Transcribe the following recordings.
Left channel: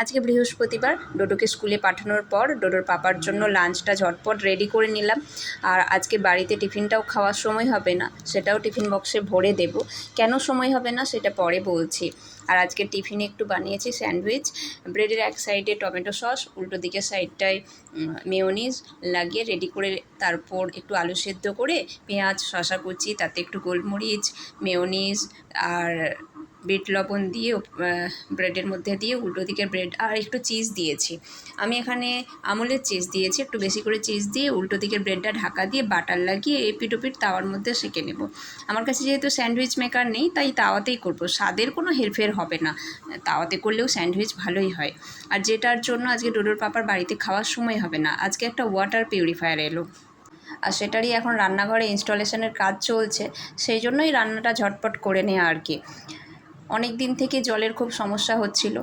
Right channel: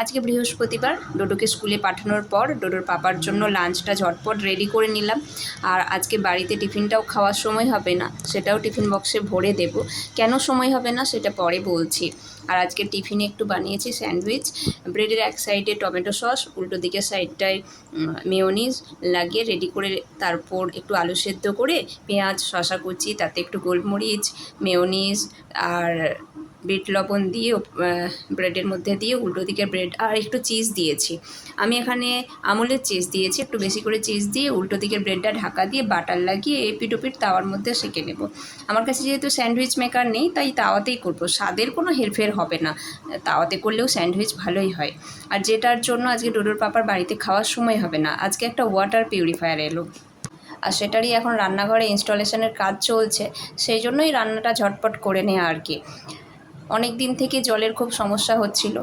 আজকে বৃহস্পতিবার, ডোডোকে স্কুলে পাঠানোর পর ডোডোর পাপার জন্য লাঞ্চটা ঝটপট রেডি করে নিলাম। আর আজকে বাড়িতে টিফিনটাও খাওয়ার সময় হবে না, সেটাও টিফিন বক্সে ভরে দেব। কেন সময় হবে না সেটা পরে বলছি। আর আজকে টিফিনে একটু বানিয়েছি স্যান্ডউইচ, ব্রেডের এক সাইডে টমেটো সস, উল্টো দিকের সাইডটায় মেয়োনিজ লাগিয়ে রেডি করে, তারপর একটু আলু সেদ্ধ করে পেঁয়াজ শসা কুচি, তাতে একটু গোলমরিচ, মেয়োনিজ আর বিট লবণ দিয়ে ব্রেডের মধ্যে দিয়ে উল্টো দিকের ব্রেড আর একটু চিজ দিয়েছি। আমি এখানে আমুলের চিজ দিয়েছি, একটু বেশি করে চিজ দিয়ে উল্টো দিকের ব্রেডটা ঢাকা দিয়ে বাটার লাগিয়ে এপিট ওপিট তাওয়ার মধ্যে সেঁকে নেব। আমার কাছে যেহেতু স্যান্ডউইচ মেকার নেই, তাই তাওয়াতেই করব। স্বাদের কোনো হেরফের হবে না, তাওয়াতে করলেও স্যান্ডউইচ ভালোই হয়। আর যেটার জন্য আজকে ডোডোর পাপার বাড়িতে খাওয়ার সময় হবে না, আজকে একটা ওয়াটার পিউরিফায়ার এলো, আর সেটারই এখন রান্নাঘরে ইনস্টলেশনের কাজ চলছে। সেই জন্যই রান্নাটা ঝটপট করে নেওয়া আর কি। অনেক দিন থেকে জলের খুব সমস্যা হচ্ছিল।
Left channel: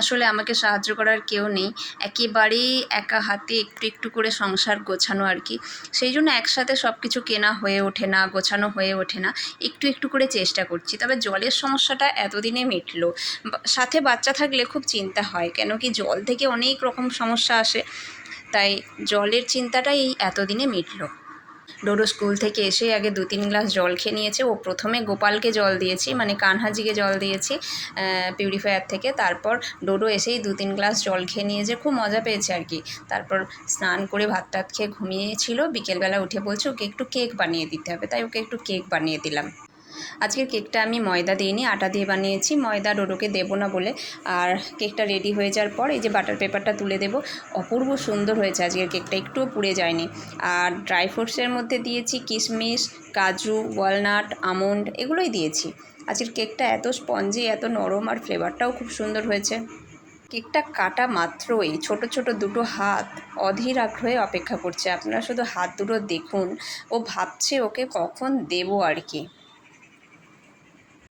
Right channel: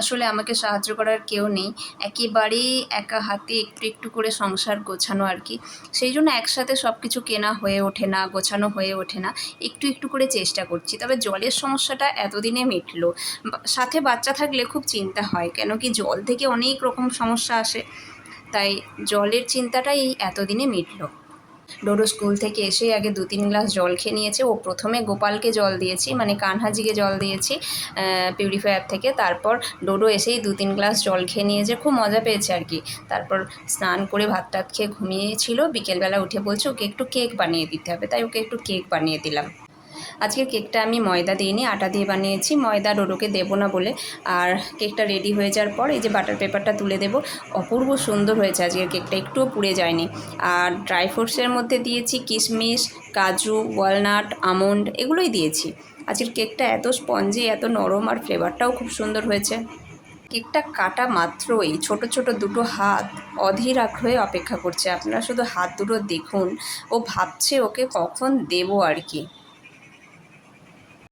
আসলে আমাকে সাহায্য করার কেউ নেই, একেবারেই একা হাতে একটু একটু করে সংসার গোছানো আর কি। সেই জন্য একসাথে সব কিছু কেনা হয়ে ওঠে না, গোছানো হয়ে ওঠে না, একটু একটু করে চেষ্টা করছি। তবে জলের সমস্যাটা এতদিনে মিটলো। সাথে বাচ্চা থাকলে খুব চিন্তা হয়, কেন কি জল থেকে অনেক রকম সমস্যা আসে, তাই জলের চিন্তাটাই এতদিনে মিটলো। ডোডো স্কুল থেকে এসেই আগে 2-3 গ্লাস জল খেয়ে নিয়েছে। ও প্রথমে গোপালকে জল দিয়েছি, মানে কানহাজিকে জল দিয়েছি পিউরিফায়ার থেকে। তারপর ডোডো এসেই 2-3 গ্লাস জল খেয়ে নিয়েছে, খুব মজা পেয়েছে আর কি। তারপর স্নান করে ভাত টাত খেয়ে ঘুমিয়েছিল। বিকেলবেলা উঠে বলছে ওকে একটু কেক বানিয়ে দিতে হবে, তাই ওকে একটু কেক বানিয়ে দিলাম। আজকের কেকটা আমি ময়দা দিইনি, আটা দিয়ে বানিয়েছি, ময়দা ডোডোকে দেবো না বলে। আর কেকটা রেডি হয়ে যাওয়ার পর এই যে বাটার পেপারটা তুলে দেবো। অপূর্ব সুন্দর হয়েছে আজকের কেকটা, একটুও পুড়ে যায়নি। আর ড্রাই ফ্রুটসের মধ্যে দিয়েছি কিশমিশ, কাজু, ওয়ালনাট, আমন্ড, এগুলোই দিয়েছি। আজকের কেকটা এত স্পঞ্জি, এত নরম, আর ফ্লেভারটাও খুব সুন্দর হয়েছে। কেকটা কাটা মাত্রই ছোট ছোট দুটো হাত অধীর আগ্রহে অপেক্ষা করছে। আপনারা শুধু হাত দুটো দেখুন, ও ভাবছে ওকে কখন দেবো আর কি।